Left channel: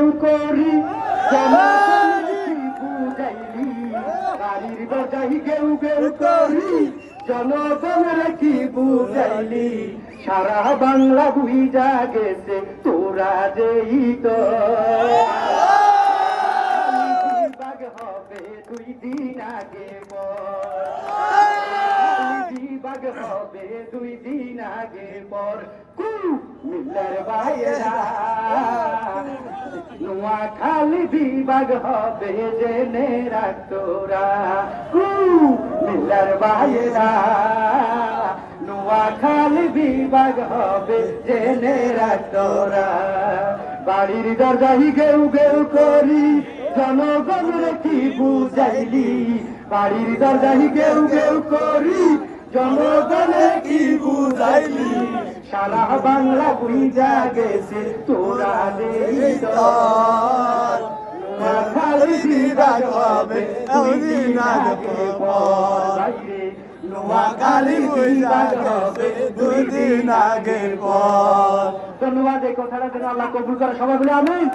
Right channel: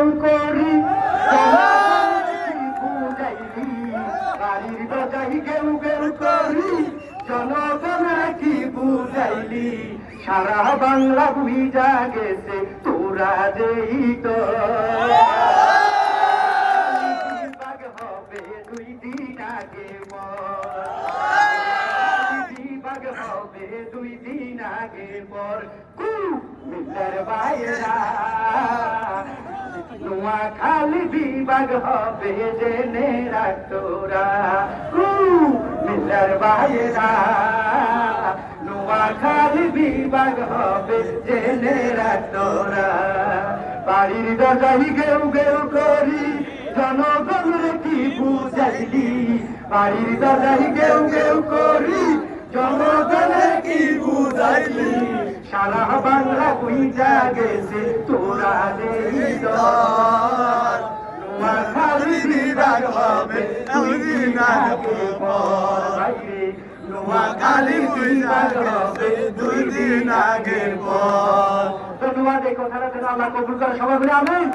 গেউ করি বাড়ির বাজাই গেউ গেউ করি জনগণের কি বুঝাইলি? সারা বাংলা বুঝা গেছে তোরা দেই হবে দুই দিন আগে বিভাগ হবে দুই দিন আগে পর মিলের বাইরা খালি বিভাগ হবে জেনে রাখ তোরা। মিলের বাইরা নোয়া খালি বিভাগ হবে জেনে রাখ তোরা। বাড়ির দরজাই গেউ গেউ করি জনগণের কি বুঝাইলি? বাড়ির দরজাই গেউ গেউ করি জনগণের কি বুঝাইলি? সারা বাংলা বুঝা গেছে তোরা নেই বিরাজ হবে দুই দিন আগে পর। নোয়াখালী বিরাজ হবে দুই দিন পর ধন্যবাদ এই কথাটা আল্লাহ সবাই আমিন